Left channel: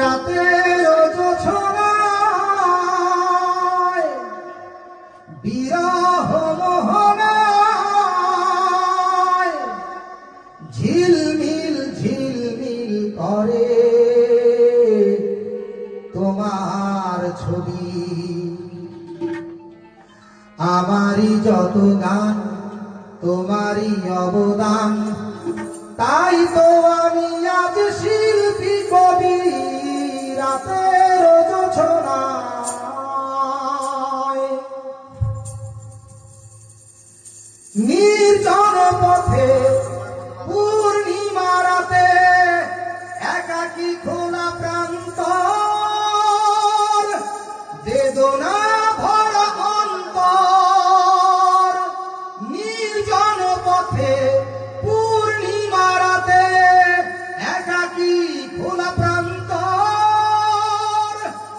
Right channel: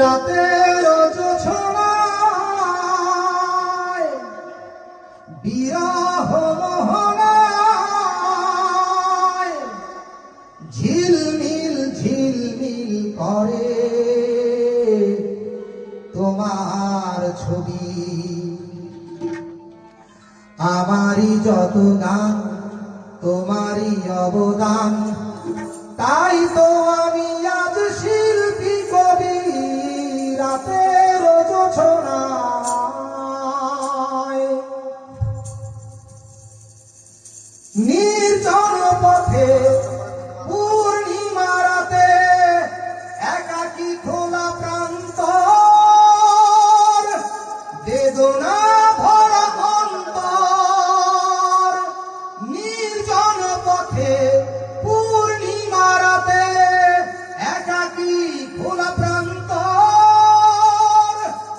রাতের জোছনায় বিরহ মোহনায় ঝিলমিল ঝিলমিল করে তোমার ছবি। আমারই যত গান তোমারই অবদান, তাই তো আমি আজ শিল্পী কবি। রাতের জোছনায় নির্জন পথে পূর্ণিমা রাতে একাকী খোলা প্রান্তর, বেদনা ভরা অন্তর। নির্জন পথে পূর্ণিমা রাতে একাকী খোলা প্রান্তর,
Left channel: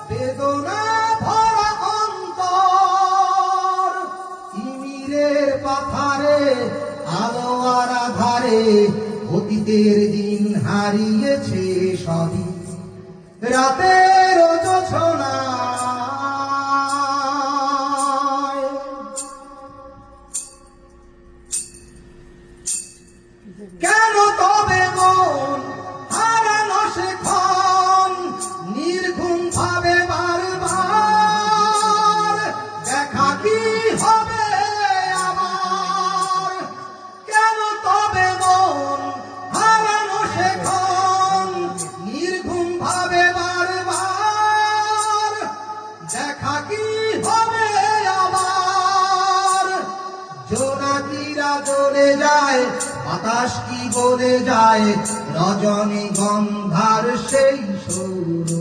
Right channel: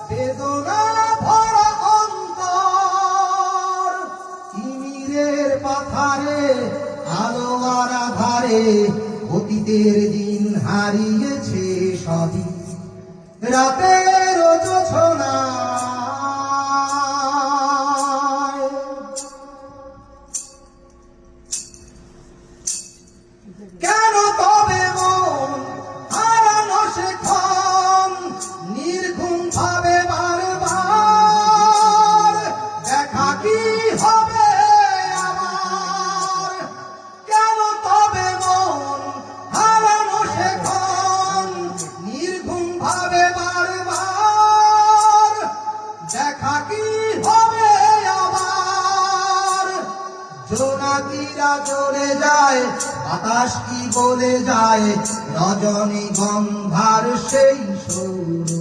বেদনা ভরা অন্তর। তিমিরের পাথারে আলো আর আধারে অতীতের দিন হারিয়েছে সবই। রাতের জোছনায় কেন তবে মন হারানো সেক্ষণ নির্ঘুম ভাবে বারবার? দেখা কি হবে আবার? কেন তবে মন হারানো সেক্ষণ নির্ঘুম ভাবে বারবার? দেখা কি হবে আবার? জোনাকিরা চলে যায়, বাতাস কি বলে যায়, রজনী গন্ধার সেই সুর।